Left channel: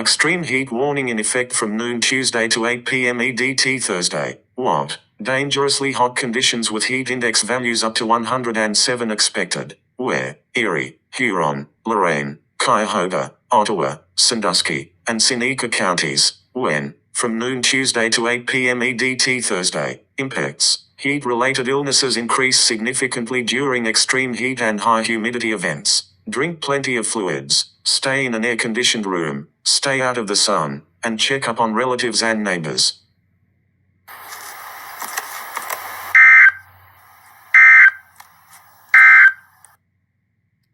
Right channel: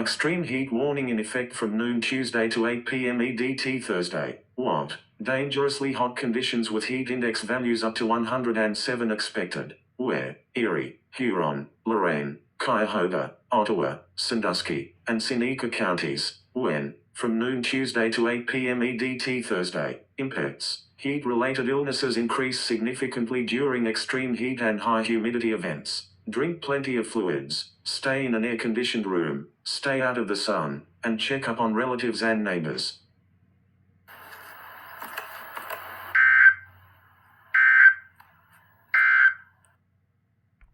Extreme heat warning in effect from noon Tuesday to 8 p.m. EDT Thursday. What? Dangerously hot conditions with heat index values up to 107 expected. Where? Erie, Huron, Lorraine, Cuyahoga, Ottawa, Sandusky, and Seneca counties. When? From noon Tuesday to 8 p.m. EDT Thursday. Impacts. Heat-related illnesses increase significantly during extreme heat and high humidity events. Drink plenty of fluids, stay in an air-conditioned room, stay out of the sun, and check up on relatives and neighbors.